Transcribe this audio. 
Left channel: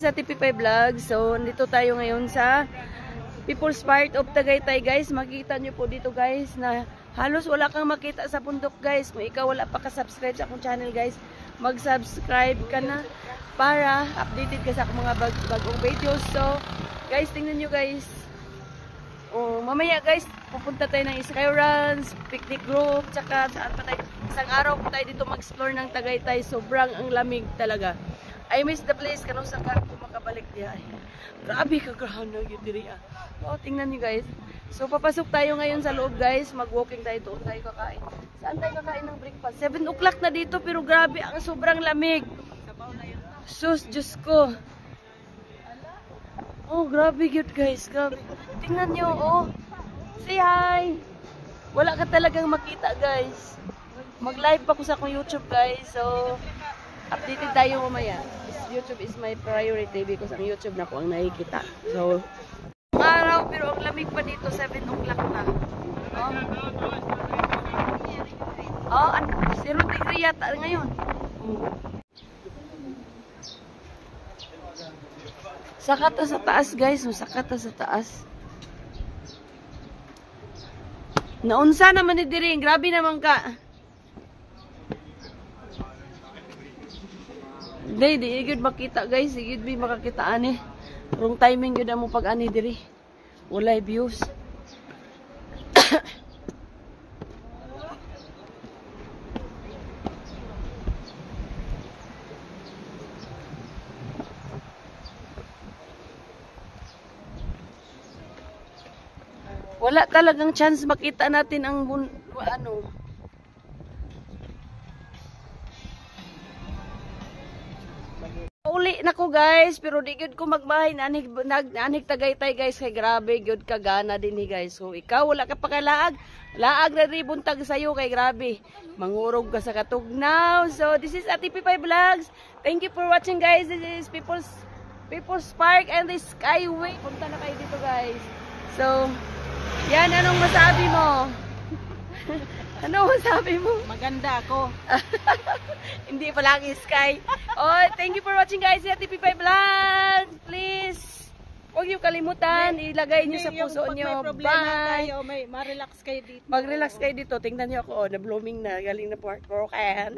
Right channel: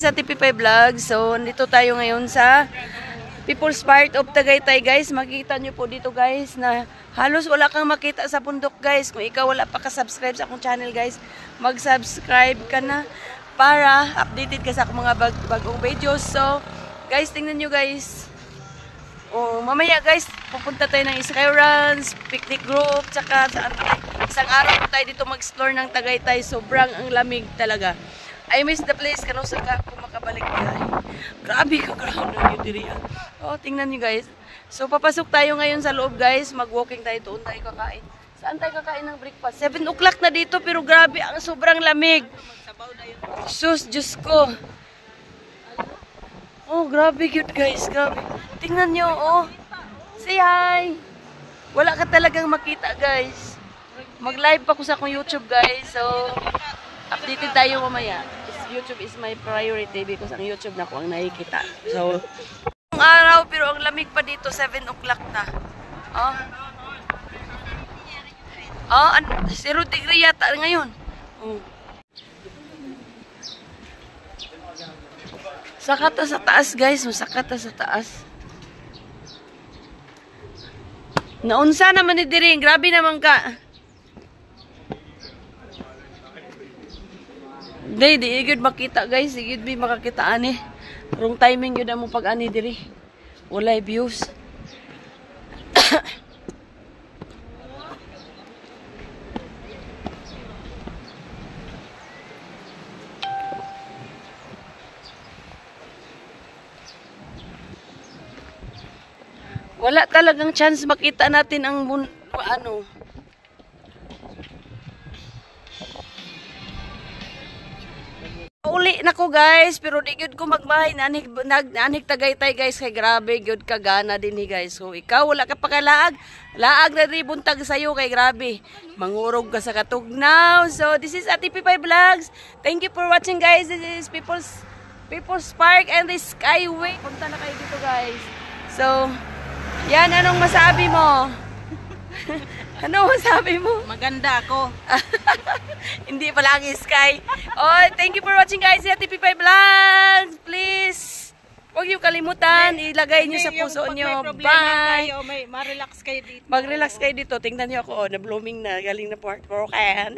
Sa TP5 Vlog. So, nandito tayo ngayon sa People's Park of Tagaytay, guys. Makikita nyo po dito, guys, na halos wala kang makita sa bundok, guys. Kung ikaw wala pa ka-subscribe sa akong channel, guys, mag-subscribe ka na para updated ka sa akong mga bagong videos. So, guys, tingnan nyo, guys. Oh, mamaya, guys, pupunta tayo ng Skyruns, picnic group, tsaka isang araw po tayo dito mag-explore ng Tagaytay. Sobrang ang lamig talaga. I miss the place kano sa kung makabalik niya. Grabe ka ground ng Udiri. Oh, tingnan niyo, guys. So papasok tayo ngayon sa loob, guys. Mag-walking tayo, doon tayo kakain. Saan tayo kakain ng breakfast? 7 o'clock na dito, pero grabe ang sobrang lamig. Sus, Diyos ko. Oh, grabe cute, guys. Grabe. Tingnan niyo, oh. Say hi. Wala ka talagang makita, guys. Mag-live pa ko sa akong YouTube, guys. So updated tayo mamaya. YouTube is my priority because ang YouTube na ko ang nakikita. So, ang araw pero ang lamig pa dito, 7 o'clock na. Oh. Oh, 0 degree yata ngayon. Oh. Sakat sa taas, guys. Sakat sa taas. Naunsa naman ni Diring. Grabe naman ka. Di igid makita, guys, igid bi makakita ani. Wrong timing gyud mo pag ani diri. Walay views. Wala talagang chance makita natin ang ano. Uli na ko, guys, pero di gyud ko magbahay nanig Tagaytay, guys, kay grabe gyud ka gana dinhi, guys. So ikaw wala ka pa kalaag, laag na ri buntag sayo kay grabe. Mangurog ka sa katugnaw. So this is TP5 Vlogs. Thank you for watching, guys. This is People's Park and the Skyway. Punta na kayo dito, guys. So yan, anong masabi mo? Ano masabi mo? Maganda ako. Hindi pa lagi Sky. Oh, thank you for watching, guys. Sa TP5 Vlogs. Please, huwag niyo kalimutan. Ilagay niyo sa puso niyo. Bye. Ma-relax kayo dito. Mag-relax kayo dito. Tingnan niyo ako. Na blooming na. Galing na broken.